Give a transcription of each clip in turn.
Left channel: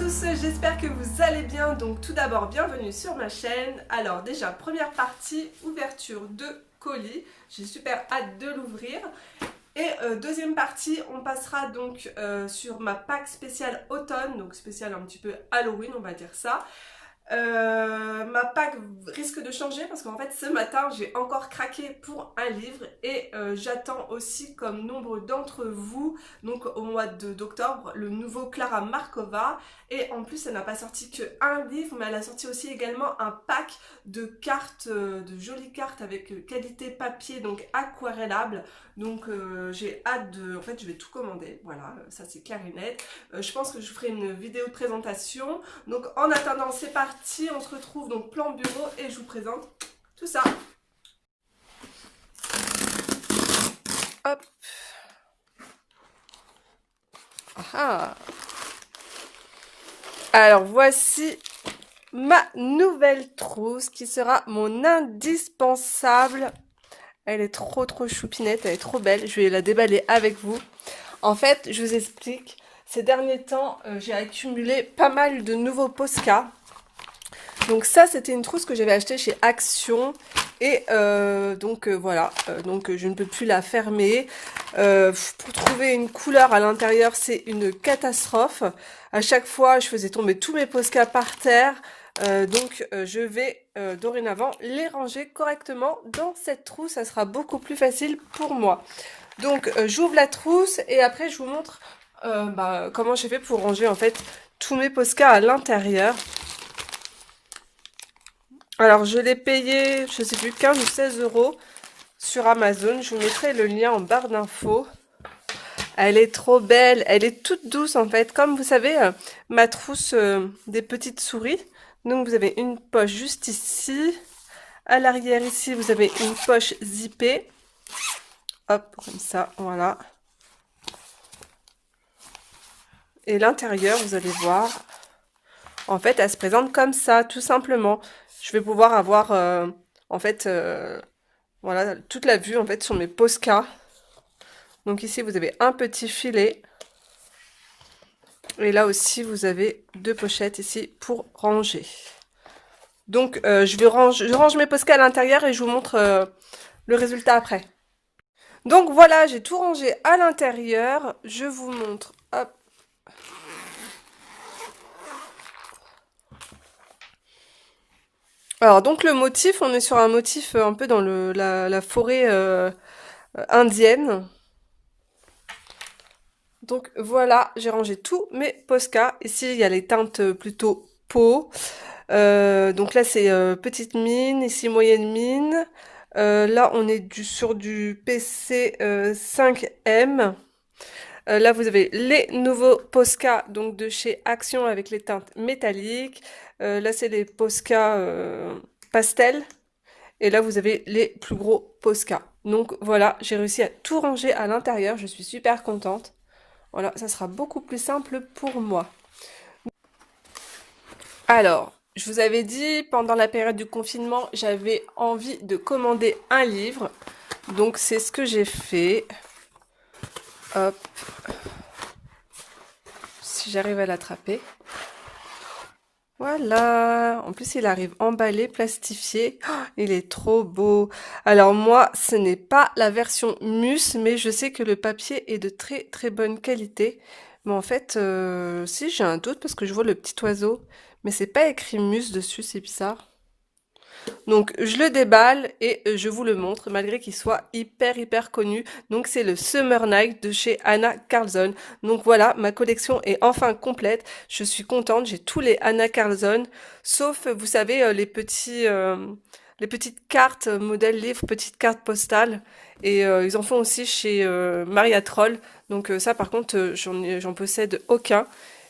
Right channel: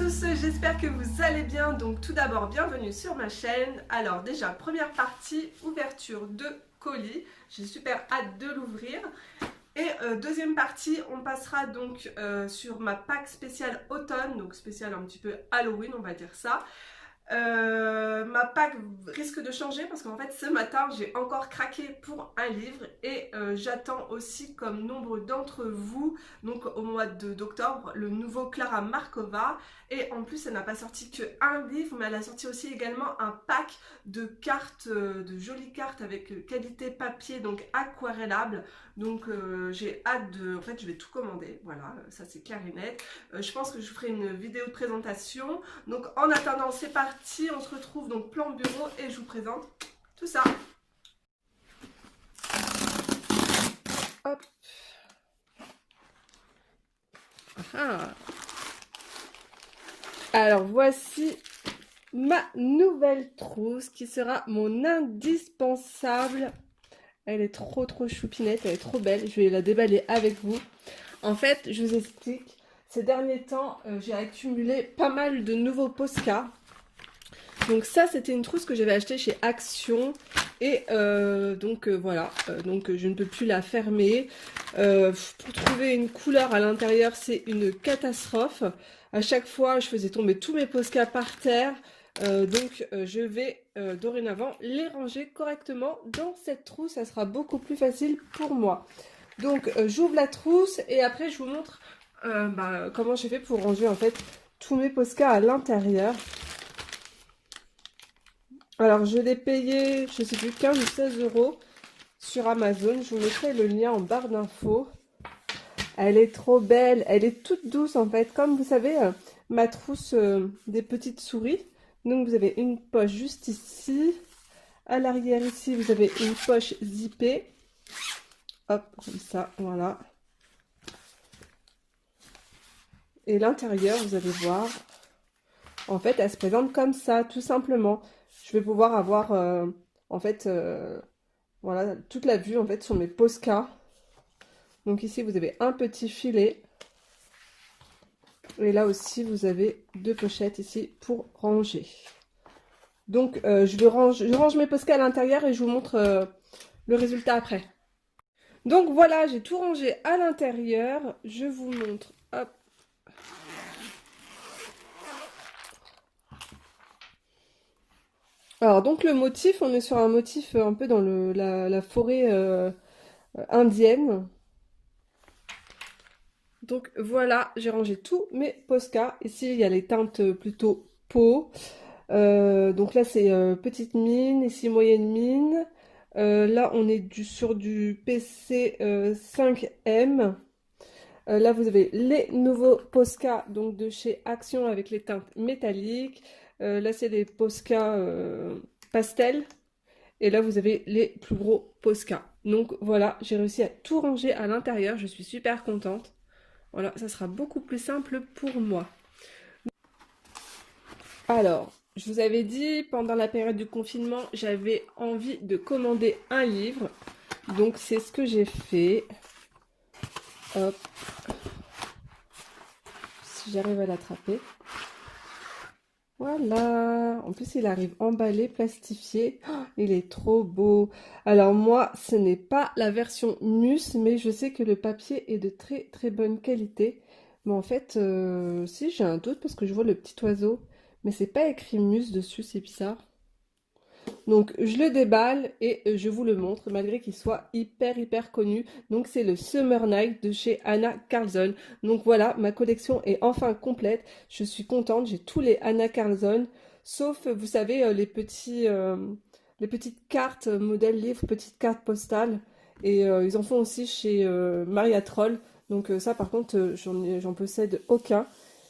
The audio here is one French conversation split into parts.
tous, j'espère que vous allez bien. Donc tout d'abord, bienvenue sur ma chaîne. Alors déjà, première partie, ouverture de colis. J'ai super hâte de l'ouvrir. Et deuxième partie, on passera donc sur ma pack spéciale automne, donc spéciale un petit peu Halloween, on va dire ça. Ma pack risque de changer parce qu'en fait ce matin j'ai encore craqué pour un livre et j'attends aussi comme nombre d'entre vous donc au mois d'octobre le nouveau Clara Markova et en plus elle n'a pas sorti que un livre mais elle a sorti aussi également un pack de cartes, de jolies cartes avec qualité papier donc aquarellable donc j'ai hâte de... En fait je vais tout commander, voilà ça c'est clair et net. Je pense que je ferai une vidéo de présentation. Donc en attendant c'est parti, on se retrouve donc plan bureau et je vous présente tout ça. Hop. Ah. Alors voici ma nouvelle trousse qui sera mon indispensable. Elle est trop choupinette, elle est trop belle. Je vais la déballer avec vous. En fait, je vous explique. Ces derniers temps, j'ai accumulé pas mal de nouveaux Posca. Donc ça, c'était une trousse que j'avais achetée chez Action. Et voilà, donc je ne peux plus la fermer. Pour trouver une couleur à l'intérieur, c'est une catastrophe. À chaque fois, je faisais tomber tous mes Posca par terre. Je vais dorénavant les ranger correctement dans cette trousse. Ça sera beaucoup plus facile pour moi. Donc j'ouvre la trousse et après je vous montre comment j'ai fait pour ranger en fait tous mes Posca à l'intérieur. Alors je l'ai payé, je sais plus, 15 ou 16 € sur Amazon. Je vous mettrai le lien en barre d'infos. Elle est trop belle, elle est toute douce en fait. Comme vous savez, ma trousse des petites souris. Donc vous avez une poche juste ici. À l'arrière ici, vous avez une poche zippée. Hop, comme ça, voilà. Et l'intérieur, vous allez voir, en fait, elle se présente comme ça, tout simplement. Je vais pouvoir avoir, voilà, toute la vue, en fait, sur mes Posca. Donc ici, vous avez un petit filet. Et là aussi, vous avez deux pochettes ici pour ranger. Donc, je range mes Posca à l'intérieur et je vous montre le résultat après. Donc voilà, j'ai tout rangé à l'intérieur. Je vous montre, hop. Alors donc le motif, on est sur un motif un peu dans la forêt indienne. Donc voilà, j'ai rangé tous mes Posca. Ici, il y a les teintes plutôt peau. Donc là, c'est petite mine, ici moyenne mine. Là, on est sur du PC 5M. Là, vous avez les nouveaux Posca donc de chez Action avec les teintes métalliques. Là, c'est les Posca pastel. Et là, vous avez les plus gros Posca. Donc voilà, j'ai réussi à tout ranger à l'intérieur. Je suis super contente. Voilà, ça sera beaucoup plus simple pour moi. Alors, je vous avais dit, pendant la période du confinement, j'avais envie de commander un livre. Donc, c'est ce que j'ai fait. Hop. Si j'arrive à l'attraper. Voilà. En plus, il arrive emballé, plastifié. Oh, il est trop beau. Alors, moi, ce n'est pas la version Mus, mais je sais que le papier est de très bonne qualité. Mais en fait, si, j'ai un doute parce que je vois le petit oiseau. Mais c'est pas écrit Mus dessus, c'est bizarre. Donc je le déballe et je vous le montre malgré qu'il soit hyper connu. Donc c'est le Summer Night de chez Anna Karlzon. Donc voilà, ma collection est enfin complète. Je suis contente, j'ai tous les Anna Karlzon sauf vous savez les petites cartes modèle livre, petites cartes postales et ils en font aussi chez Maria Troll. Donc ça par contre j'en possède aucun.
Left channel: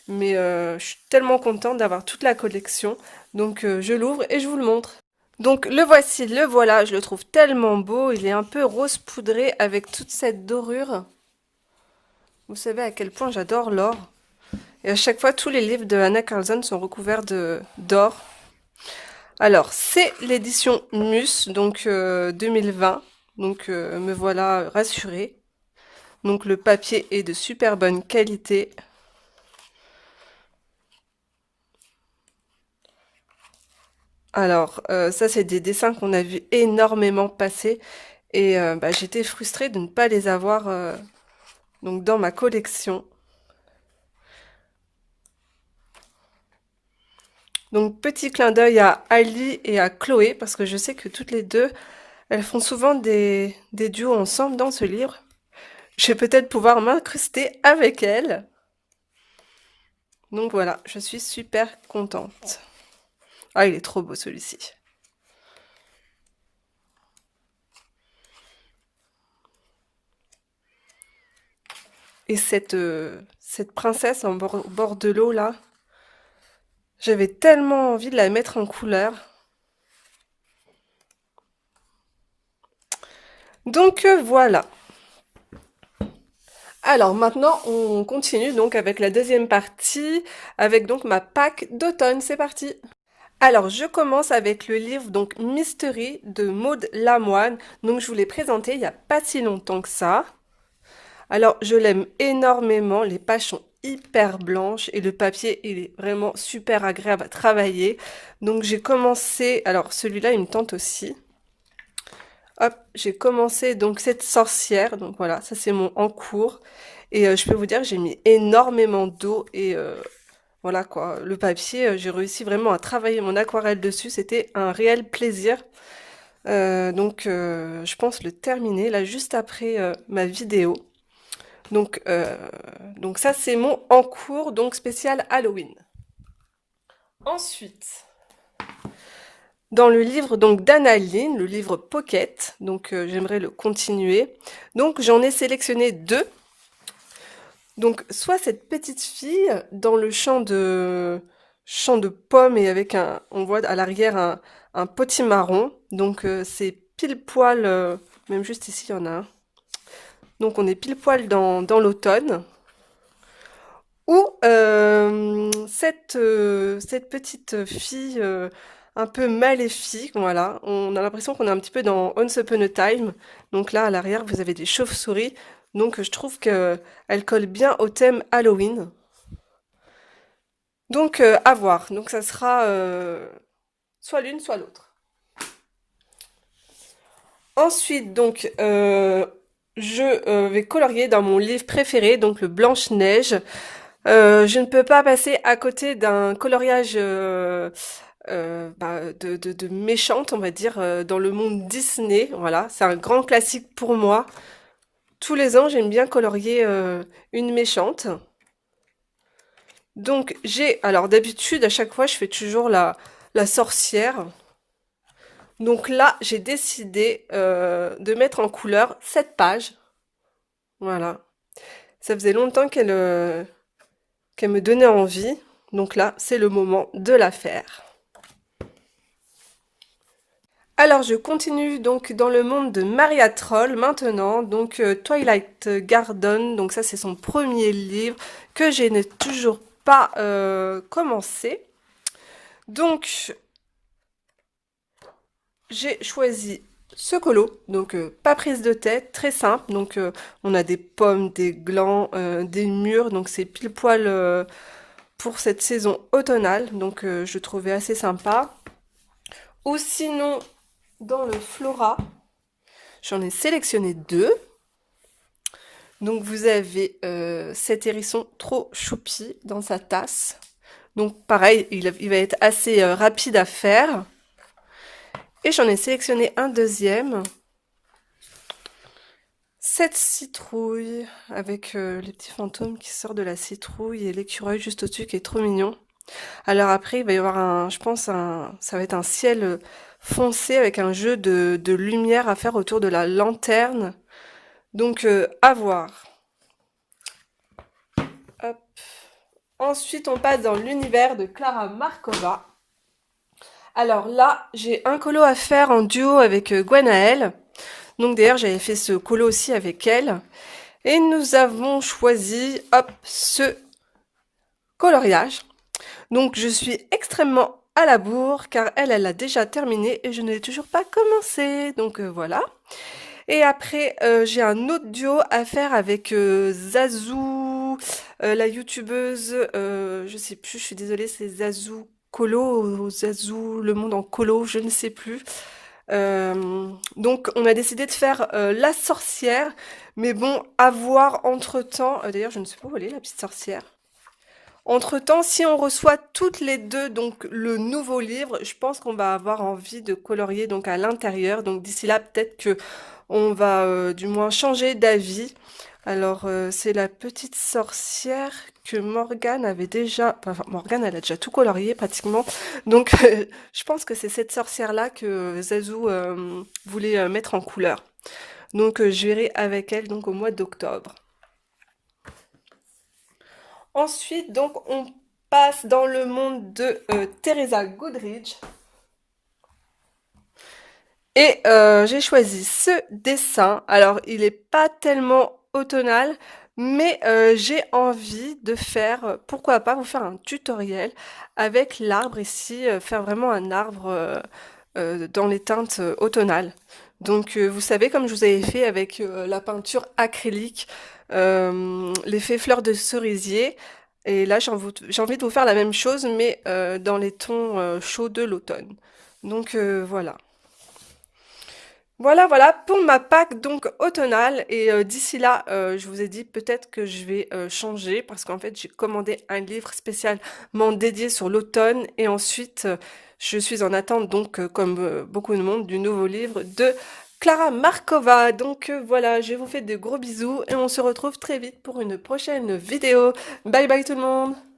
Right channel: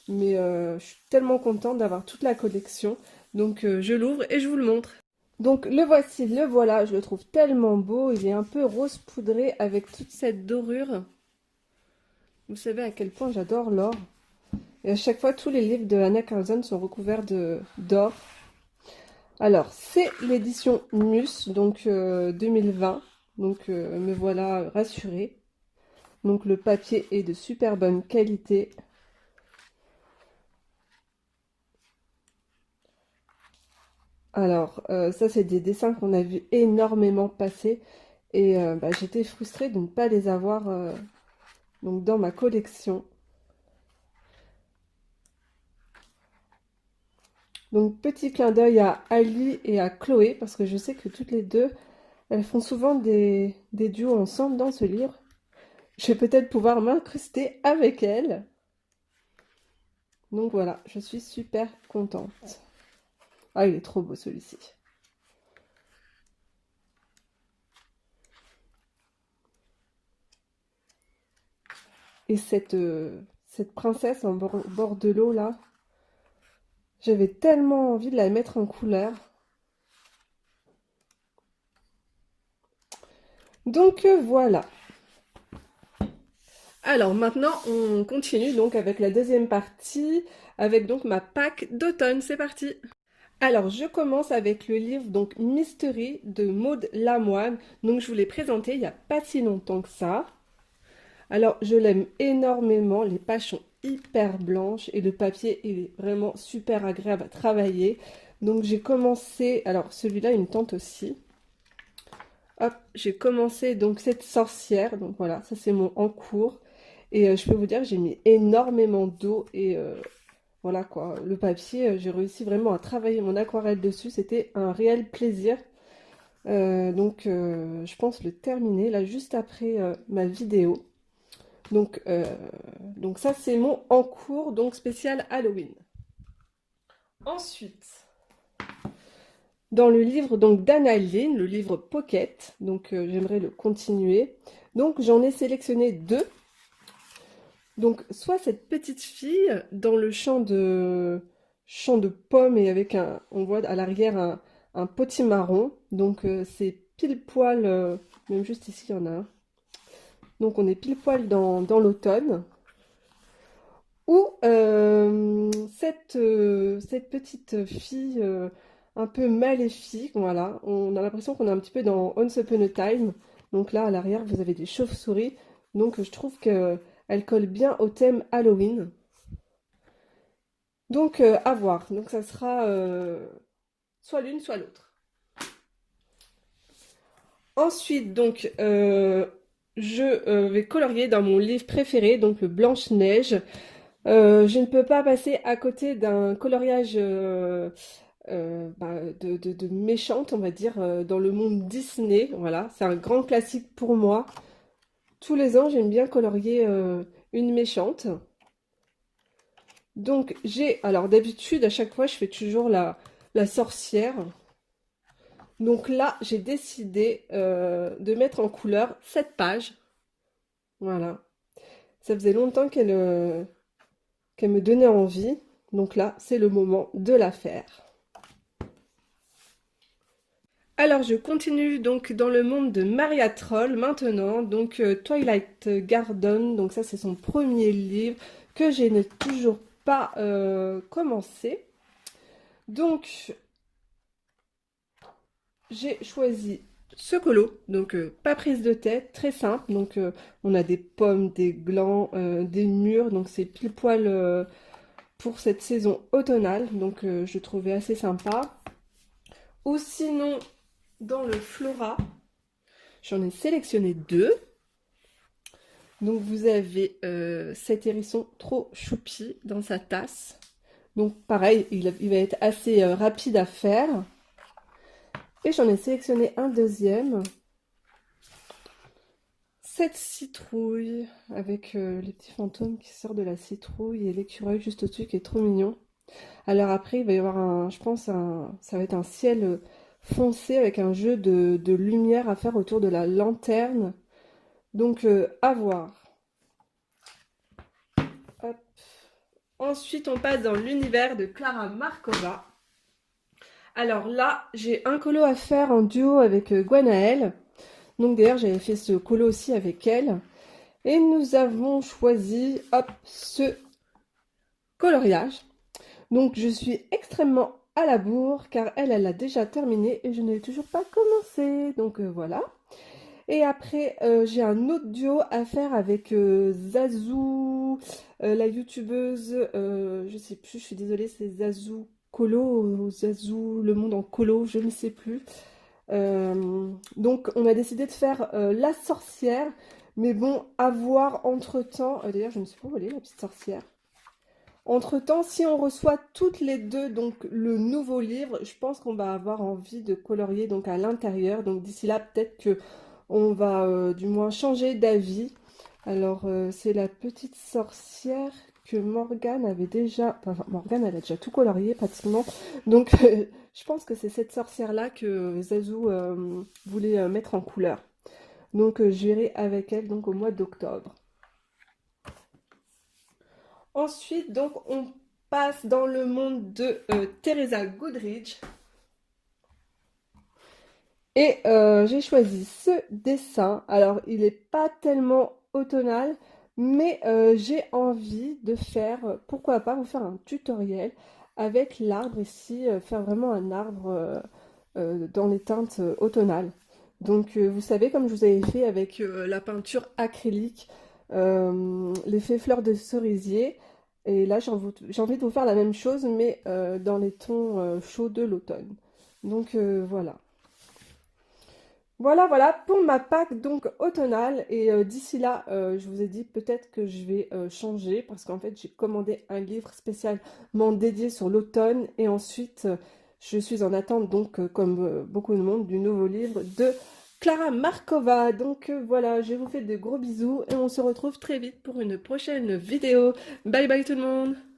Mais je suis tellement contente d'avoir toute la collection. Donc je l'ouvre et je vous le montre. Donc le voici, le voilà, je le trouve tellement beau, il est un peu rose poudré avec toute cette dorure. Vous savez à quel point j'adore l'or. Et à chaque fois, tous les livres de Anna Karlzon sont recouverts d'or. Alors, c'est l'édition Mus, donc 2020. Donc me voilà rassurée. Donc le papier est de super bonne qualité. Alors, ça, c'est des dessins qu'on a vu énormément passer et bah, j'étais frustrée de ne pas les avoir donc dans ma collection. Donc, petit clin d'œil à Ali et à Chloé, parce que je sais que toutes les deux, elles font souvent des duos ensemble dans ce livre. Je vais peut-être pouvoir m'incruster avec elles. Donc voilà, je suis super contente. Ah, il est trop beau celui-ci. Et cette princesse en bord de l'eau là, j'avais tellement envie de la mettre en couleur. Donc voilà. Alors maintenant, on continue donc avec la deuxième partie, avec donc ma Pâques d'automne. C'est parti. Alors, je commence avec le livre donc Mystery de Maud Lamoine. Donc, je vous l'ai présenté il n'y a pas si longtemps que ça. Alors, je l'aime énormément. Les pages sont hyper blanches et le papier, il est vraiment super agréable à travailler. Donc, j'ai commencé... Alors, celui-là, il me tente aussi. Hop, j'ai commencé donc cette sorcière. Donc, voilà, ça, c'est mon en cours. Et je peux vous dire que j'ai mis énormément d'eau et... voilà quoi, le papier, j'ai réussi vraiment à travailler mon aquarelle dessus, c'était un réel plaisir. Donc je pense le terminer là juste après ma vidéo. Donc, euh, donc ça c'est mon en cours, donc spécial Halloween. Ensuite, dans le livre donc d'Annaline, le livre Pocket, donc j'aimerais le continuer. Donc j'en ai sélectionné deux. Donc soit cette petite fille dans le champ de pommes et avec un, on voit à l'arrière un potimarron. Donc c'est pile poil, même juste ici il y en a un. Donc on est pile poil dans l'automne. Ou cette petite fille un peu maléfique, voilà. On a l'impression qu'on est un petit peu dans Once Upon a Time. Donc là, à l'arrière, vous avez des chauves-souris. Donc je trouve qu'elle colle bien au thème Halloween. Donc à voir. Donc ça sera soit l'une, soit l'autre. Ensuite, donc, je vais colorier dans mon livre préféré, donc le Blanche-Neige. Je ne peux pas passer à côté d'un coloriage bah, de méchante, on va dire, dans le monde Disney. Voilà, c'est un grand classique pour moi. Tous les ans, j'aime bien colorier une méchante. Donc, alors d'habitude, à chaque fois, je fais toujours la sorcière. Donc là, j'ai décidé de mettre en couleur cette page. Voilà. Ça faisait longtemps qu'elle me donnait envie. Donc là, c'est le moment de la faire. Alors, je continue donc dans le monde de Maria Troll maintenant, donc Twilight Garden, donc ça c'est son premier livre que je n'ai toujours pas commencé. Donc, j'ai choisi ce colo, donc pas prise de tête, très simple, donc on a des pommes, des glands, des mûres, donc c'est pile poil pour cette saison automnale, donc je trouvais assez sympa. Ou sinon, dans le Flora, j'en ai sélectionné deux. Donc vous avez cet hérisson trop choupi dans sa tasse. Donc pareil, il va être assez rapide à faire. Et j'en ai sélectionné un deuxième. Cette citrouille avec les petits fantômes qui sortent de la citrouille et l'écureuil juste au-dessus qui est trop mignon. Alors après, il va y avoir je pense, ça va être un ciel foncé avec un jeu de lumière à faire autour de la lanterne. Donc, à voir. Hop. Ensuite, on passe dans l'univers de Clara Markova. Alors là, j'ai un colo à faire en duo avec Gwenaëlle. Donc d'ailleurs, j'avais fait ce colo aussi avec elle. Et nous avons choisi, hop, ce coloriage. Donc je suis extrêmement à la bourre car elle a déjà terminé et je ne l'ai toujours pas commencé. Donc voilà. Et après, j'ai un autre duo à faire avec Zazou, la youtubeuse, je sais plus, je suis désolée, c'est Zazou colo, Zazu, le monde en colo, je ne sais plus. Donc on a décidé de faire la sorcière, mais bon, à voir entre-temps. D'ailleurs, je ne sais pas où elle est, la petite sorcière. Entre-temps, si on reçoit toutes les deux donc le nouveau livre, je pense qu'on va avoir envie de colorier donc à l'intérieur. Donc d'ici là, peut-être que on va du moins changer d'avis. Alors c'est la petite sorcière que Morgane avait déjà. Enfin, Morgane, elle a déjà tout colorié pratiquement. Donc je pense que c'est cette sorcière-là que Zazu voulait mettre en couleur. Donc je verrai avec elle donc au mois d'octobre. Ensuite, donc, on passe dans le monde de Teresa Goodrich. Et j'ai choisi ce dessin. Alors, il n'est pas tellement automnal, mais j'ai envie de faire, pourquoi pas, vous faire un tutoriel avec l'arbre ici, faire vraiment un arbre dans les teintes automnales. Donc, vous savez, comme je vous avais fait avec la peinture acrylique, l'effet fleur de cerisier. Et là, j'ai envie de vous faire la même chose, mais dans les tons chauds de l'automne. Donc, voilà. Voilà, voilà pour ma Pâques donc automnale. Et d'ici là, je vous ai dit peut-être que je vais changer parce qu'en fait, j'ai commandé un livre spécialement dédié sur l'automne. Et ensuite, je suis en attente, donc, comme beaucoup de monde, du nouveau livre de Clara Markova. Donc voilà, je vous fais de gros bisous et on se retrouve très vite pour une prochaine vidéo. Bye bye tout le monde!